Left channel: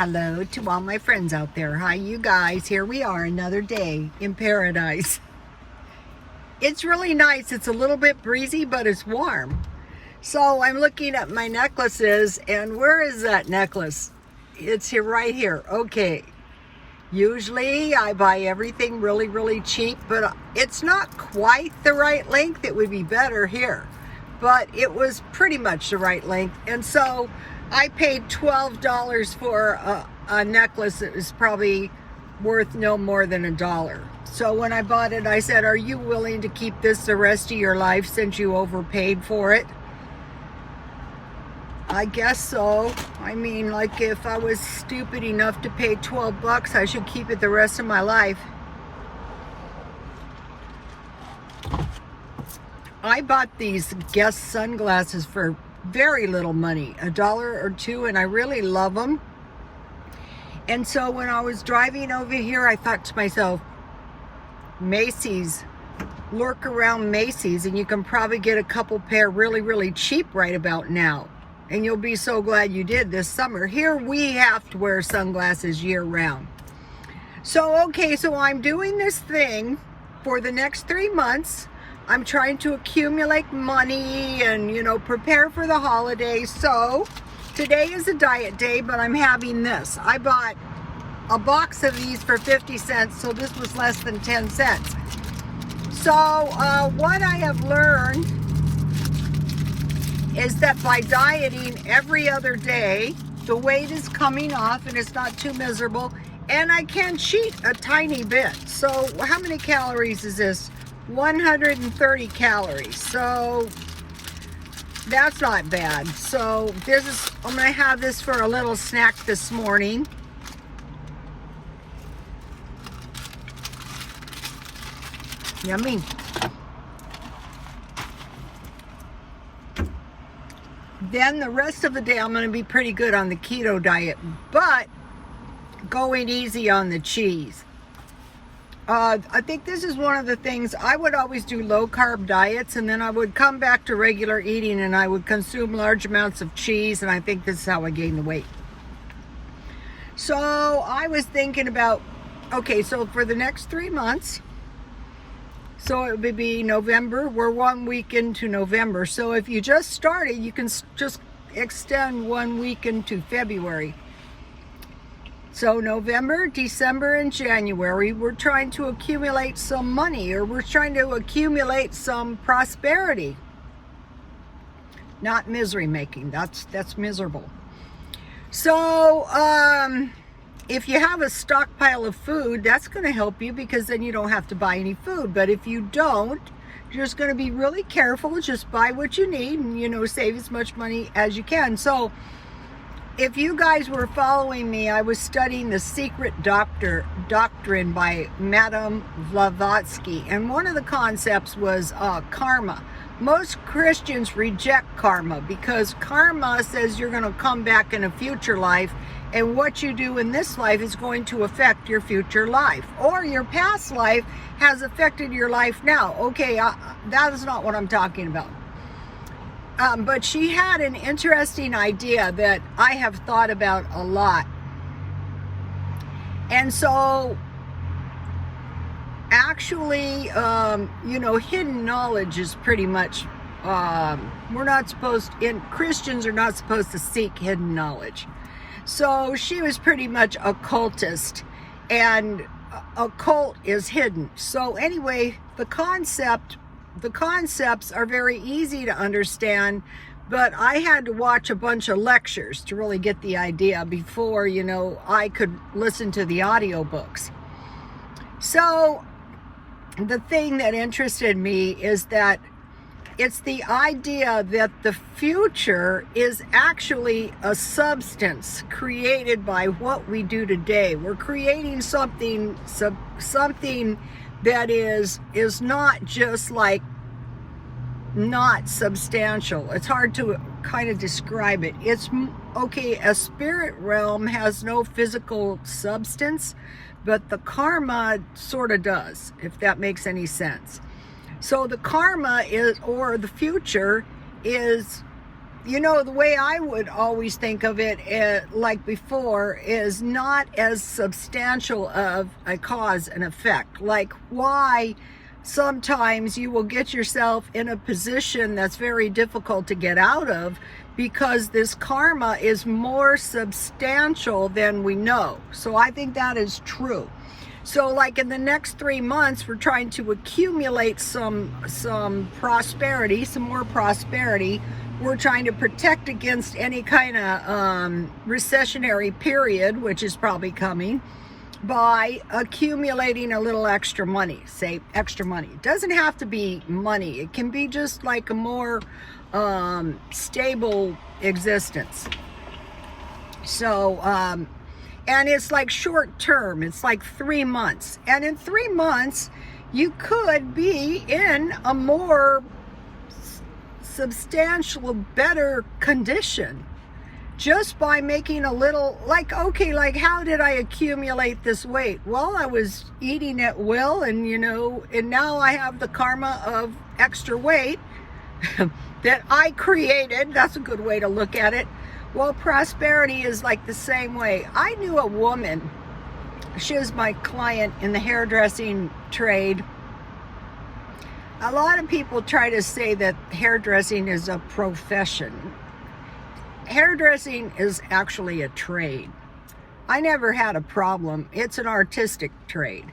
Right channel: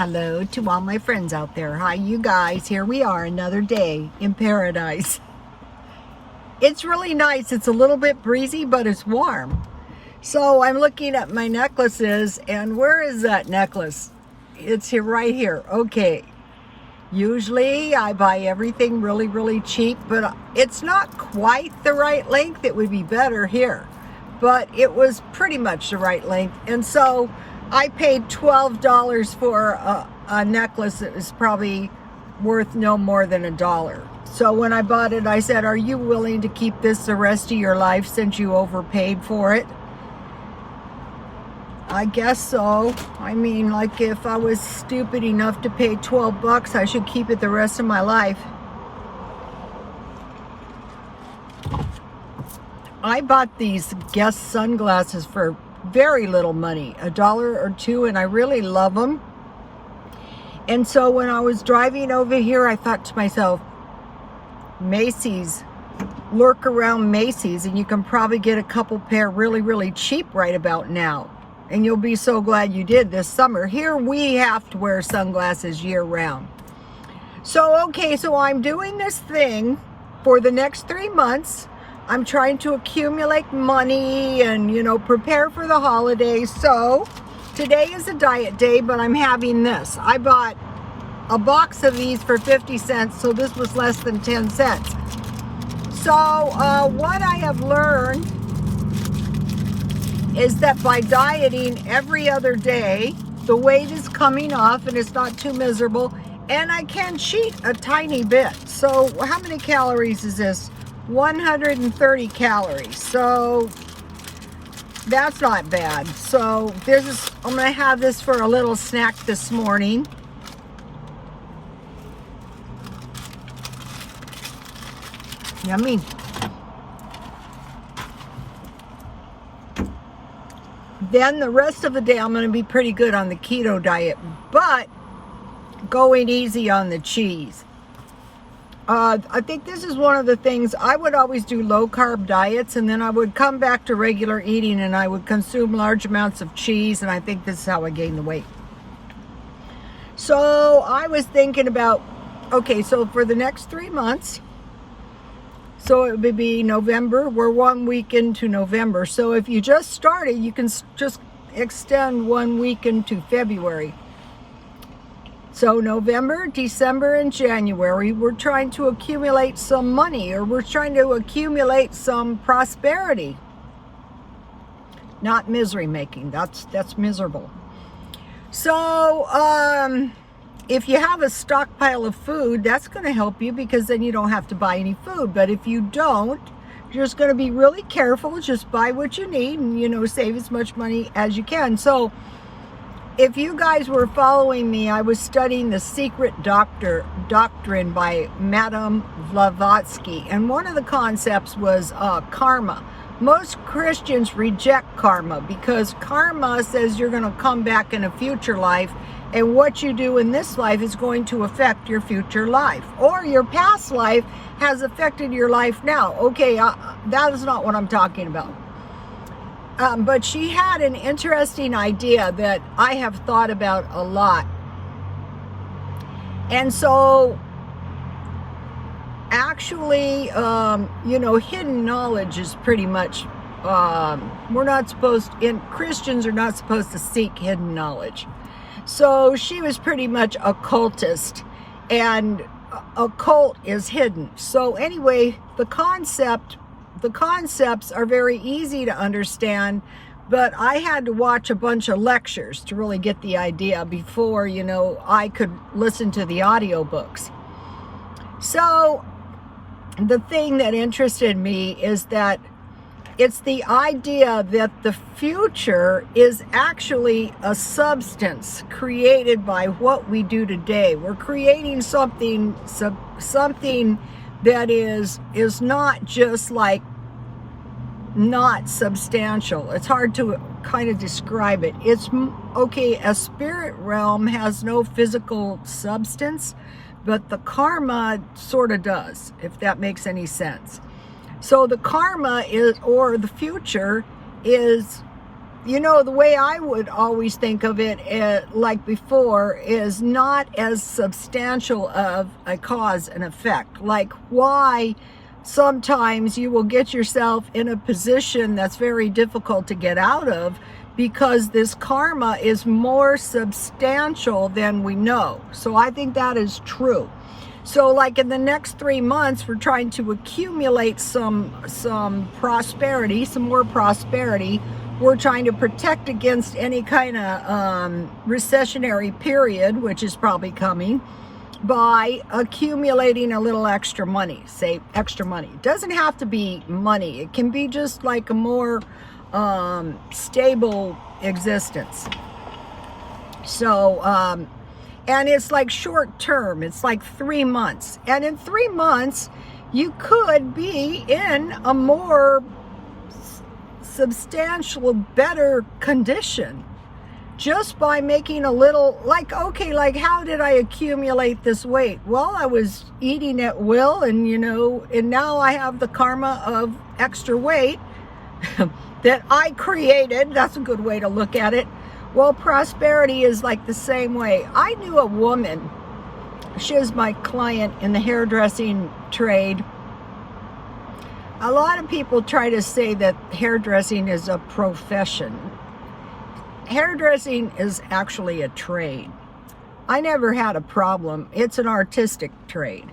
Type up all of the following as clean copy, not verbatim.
Hello to all my friends out there. Hi, you guys. Here we are, another day in paradise. It's really nice. It's a little bit breezy, but it's warm. So I'm looking at my necklaces, and where is that necklace? It's here, right here. Okay. Usually I buy everything really, really cheap, but it's not quite the right length. It would be better here, but it was pretty much the right length. And so I paid $12 for a necklace that was probably worth no more than $1. So when I bought it, I said, are you willing to keep this the rest of your life since you overpaid for it? I guess so. I mean, like, if I was stupid enough to pay 12 bucks, I should keep it the rest of my life. I bought these Guess sunglasses for very little money, $1 or $2, and I really love them. And so when I was driving over here, I thought to myself, Macy's, lurk around Macy's and you can probably get a couple pair really, really cheap right about now. And you'll be so glad you did this summer. Here we have to wear sunglasses year round. So, okay, so I'm doing this thing for the next 3 months. I'm trying to accumulate money and, you know, prepare for the holidays. So today is a diet day, but I'm having this. I bought a box of these for 50 cents, so this was less than 10 cents. So what I have learned is that by dieting every other day, the weight is coming off and it's not too miserable, and I can cheat a tiny bit. So how many calories is this? 130 calories. So that's not bad. So this is, I'm gonna have this for a little snack this morning. Yummy. Then the rest of the day, I'm going to be pretty good on the keto diet, but going easy on the cheese. I think this is one of the things, I would always do low carb diets, and then I would come back to regular eating and I would consume large amounts of cheese, and I think this is how I gained the weight. So I was thinking about, okay, so for the next 3 months, so it would be November. We're 1 week into November. So if you just started, you can just extend 1 week into February. So November, December, and January, we're trying to accumulate some money, or we're trying to accumulate some prosperity. Not misery making. That's miserable. So if you have a stockpile of food, that's going to help you, because then you don't have to buy any food. But if you don't, you're just going to be really careful. Just buy what you need and, you know, save as much money as you can. So if you guys were following me, I was studying The Secret Doctrine by Madame Blavatsky. And one of the concepts was karma. Most Christians reject karma because karma says you're going to come back in a future life, and what you do in this life is going to affect your future life, or your past life has affected your life now. Okay, that is not what I'm talking about. But she had an interesting idea that I have thought about a lot. And so actually, you know, hidden knowledge is pretty much, we're not supposed, Christians are not supposed to seek hidden knowledge. So she was pretty much a cultist, and a cult is hidden. So anyway, the concepts are very easy to understand, but I had to watch a bunch of lectures to really get the idea before, you know, I could listen to the audiobooks. So the thing that interested me is that it's the idea that the future is actually a substance created by what we do today. We're creating something that is not just like not substantial. It's hard to kind of describe it. It's okay, a spirit realm has no physical substance, but the karma sort of does, if that makes any sense. So the karma is, or the future is the way I would always think of it, like before, is not as substantial of a cause and effect. Like why sometimes you will get yourself in a position that's very difficult to get out of because this karma is more substantial than we know. So I think that is true. So like in the next 3 months, we're trying to accumulate some prosperity, some more prosperity. We're trying to protect against any kind of recessionary period, which is probably coming, by accumulating a little extra money. Say extra money. It doesn't have to be money. It can be just like a more stable existence. So, and it's like short term. It's like 3 months. And in 3 months, you could be in a more substantial, better condition just by making a little, like, okay, like how did I accumulate this weight? Well, I was eating at will, and and now I have the karma of extra weight that I created. That's a good way to look at it. Well, prosperity is like the same way. I knew a woman, she was my client in the hairdressing trade. A lot of people try to say that hairdressing is a profession. Hairdressing is actually a trade. I never had a problem. It's an artistic trade.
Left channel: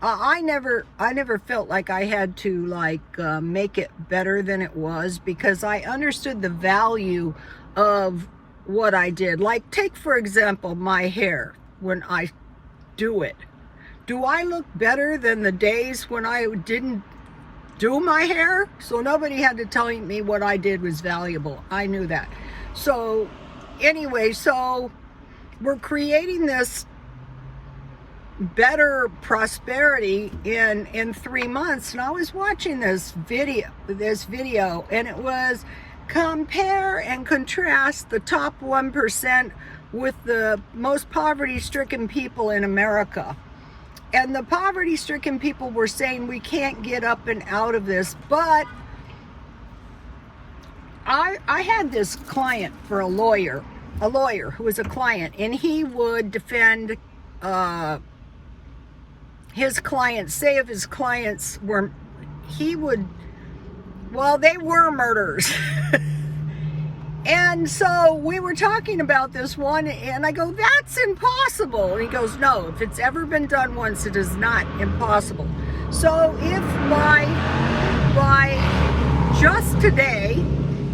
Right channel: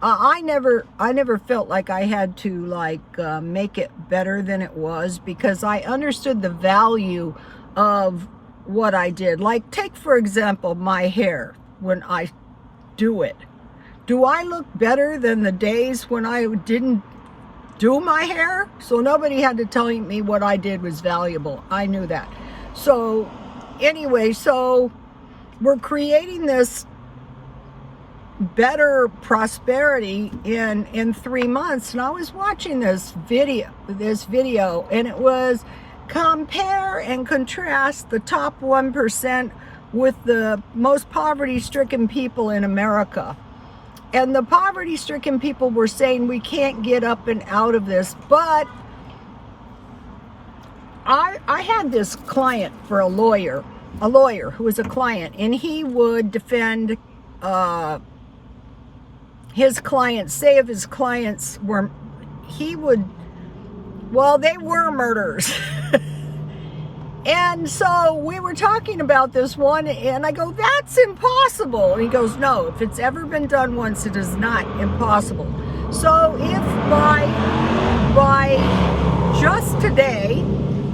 I never felt like I had to make it better than it was, because I understood the value of what I did. Like, take for example my hair. When I do it, do I look better than the days when I didn't do my hair? So nobody had to tell me what I did was valuable. I knew that. So anyway, so we're creating this better prosperity in 3 months. And I was watching this video, and it was compare and contrast the top 1% with the most poverty-stricken people in America. And the poverty-stricken people were saying we can't get up and out of this. But I had this client for a lawyer who was a client, and he would defend his clients. Say if his clients were, they were murderers. And so we were talking about this one, and I go, that's impossible. And he goes, no, if it's ever been done once, it is not impossible. So if by just today,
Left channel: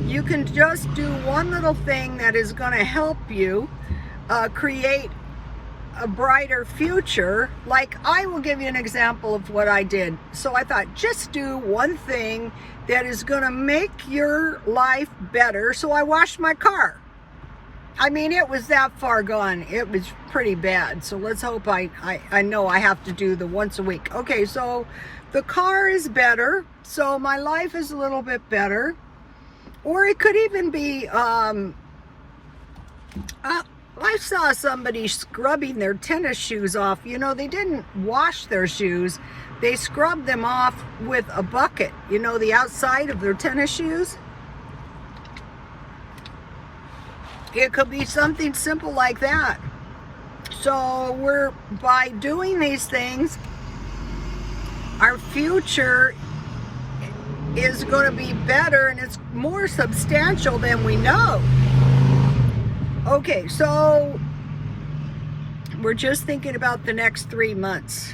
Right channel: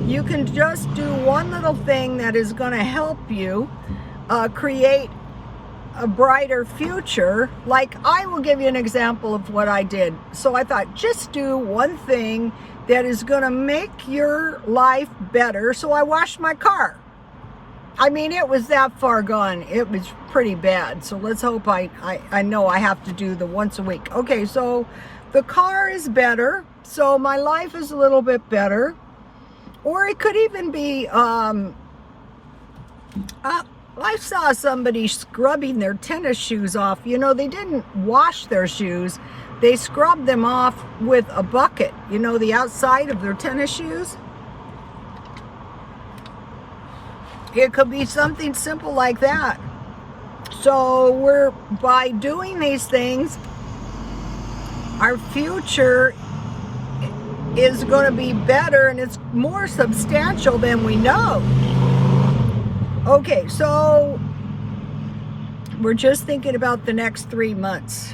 you can just do one little thing that is going to help you create a brighter future. Like, I will give you an example of what I did. So I thought, just do one thing that is going to make your life better. So I washed my car. I mean, it was that far gone. It was pretty bad. So let's hope I know I have to do the once a week. Okay, so the car is better. So my life is a little bit better. Or it could even be, I saw somebody scrubbing their tennis shoes off. They didn't wash their shoes. They scrubbed them off with a bucket, the outside of their tennis shoes. It could be something simple like that. So by doing these things, our future is going to be better, and it's more substantial than we know. Okay, so we're just thinking about the next 3 months.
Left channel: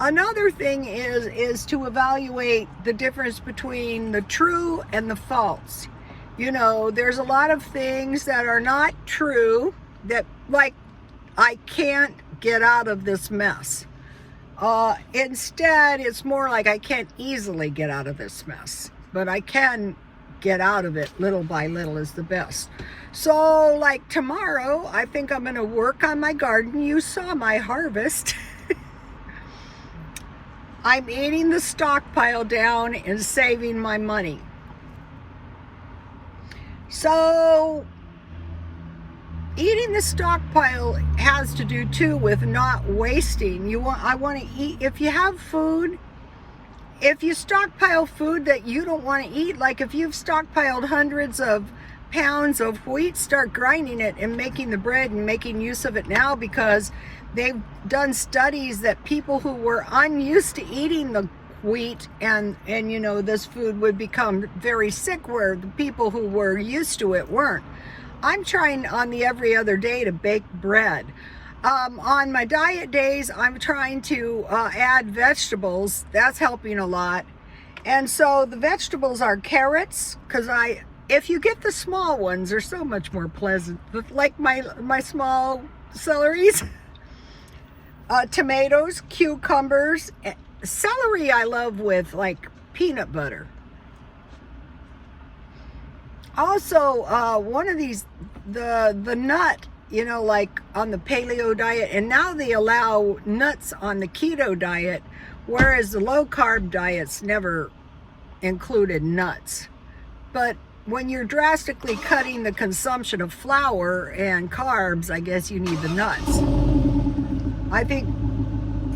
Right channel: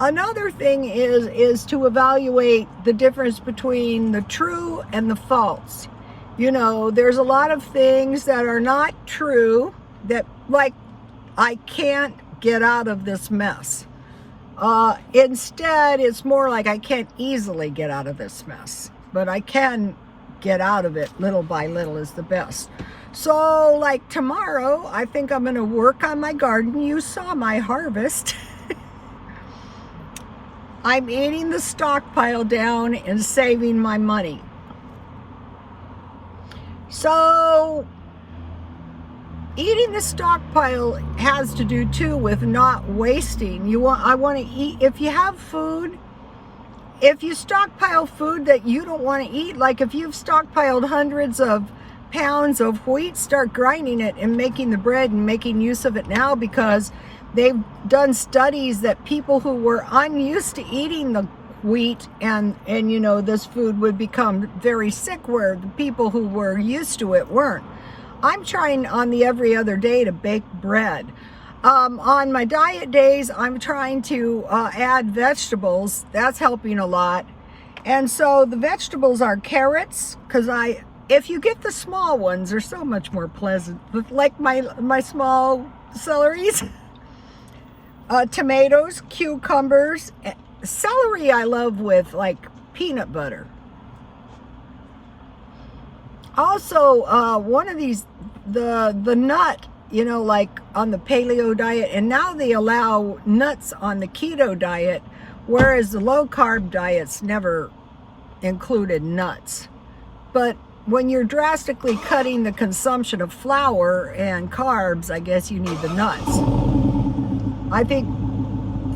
Another thing is to evaluate the difference between the true and the false. There's a lot of things that are not true, that, like, I can't get out of this mess. Instead, it's more like I can't easily get out of this mess, but I can get out of it little by little is the best. So like tomorrow, I think I'm going to work on my garden. You saw my harvest. I'm eating the stockpile down and saving my money. So eating the stockpile has to do too with not wasting. I want to eat. If you have food, if you stockpile food that you don't want to eat, like if you've stockpiled hundreds of pounds of wheat, start grinding it and making the bread and making use of it now, because they've done studies that people who were unused to eating the wheat and you know, this food would become very sick, where the people who were used to it weren't. I'm trying on the every other day to bake bread. On my diet days, I'm trying to add vegetables. That's helping a lot. And so the vegetables are carrots, because if you get the small ones, they're so much more pleasant. Like my small celeries, tomatoes, cucumbers, celery I love with like peanut butter. Also, one of these, the nut, you know, like on the paleo diet, and now they allow nuts on the keto diet, whereas the low carb diets never included nuts. But when you're drastically cutting the consumption of flour and carbs, I guess you need the nuts. I think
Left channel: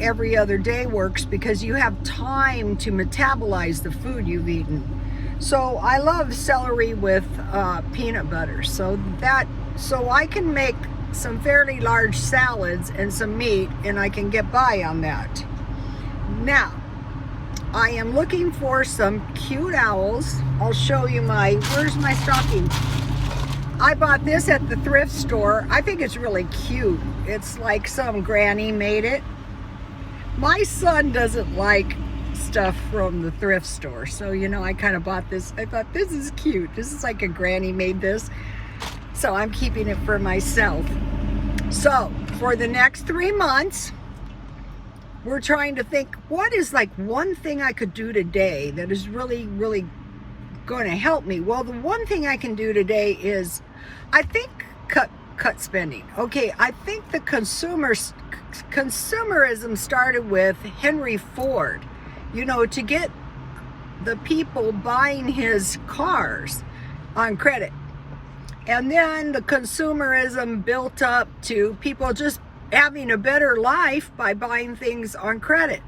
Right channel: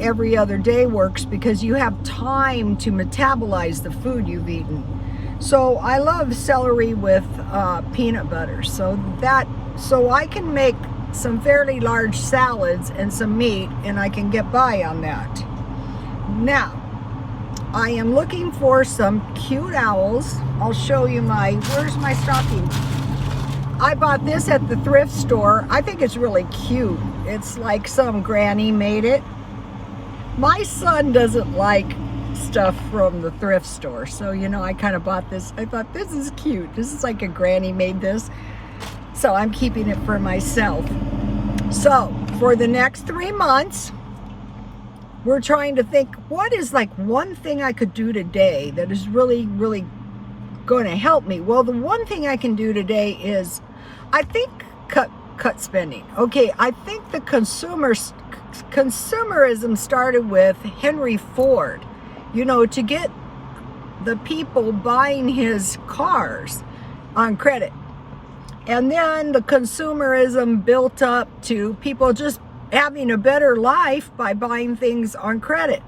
every other day works because you have time to metabolize the food you've eaten. So I love celery with peanut butter, so I can make some fairly large salads and some meat, and I can get by on that. Now, I am looking for some cute owls. I'll show you where's my stocking? I bought this at the thrift store. I think it's really cute. It's like some granny made it. My son doesn't like stuff from the thrift store, so you know, I kind of bought this. I thought, this is cute. This is like a granny made this, so I'm keeping it for myself. So for the next 3 months, we're trying to think, what is like one thing I could do today that is really going to help me? Well, the one thing I can do today is, I think, cut spending. Okay, I think the consumerism started with Henry Ford, you know, to get the people buying his cars on credit. And then the consumerism built up to people just having a better life by buying things on credit.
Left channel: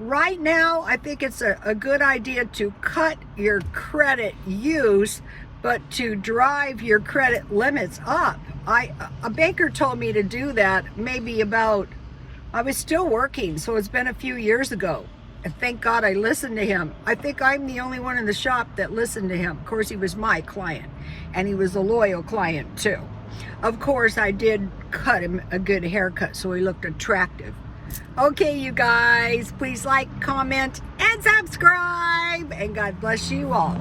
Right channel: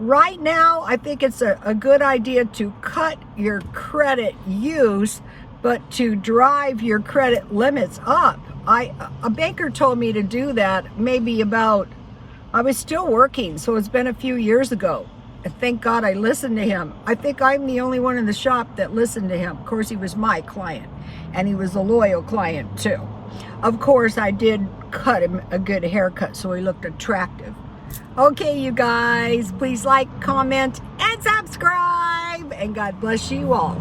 Right now, I think it's a good idea to cut your credit use, but to drive your credit limits up. A banker told me to do that maybe I was still working, so it's been a few years ago. And thank God I listened to him. I think I'm the only one in the shop that listened to him. Of course, he was my client, and he was a loyal client too. Of course, I did cut him a good haircut so he looked attractive. Okay, you guys, please like, comment, and subscribe, and God bless you all.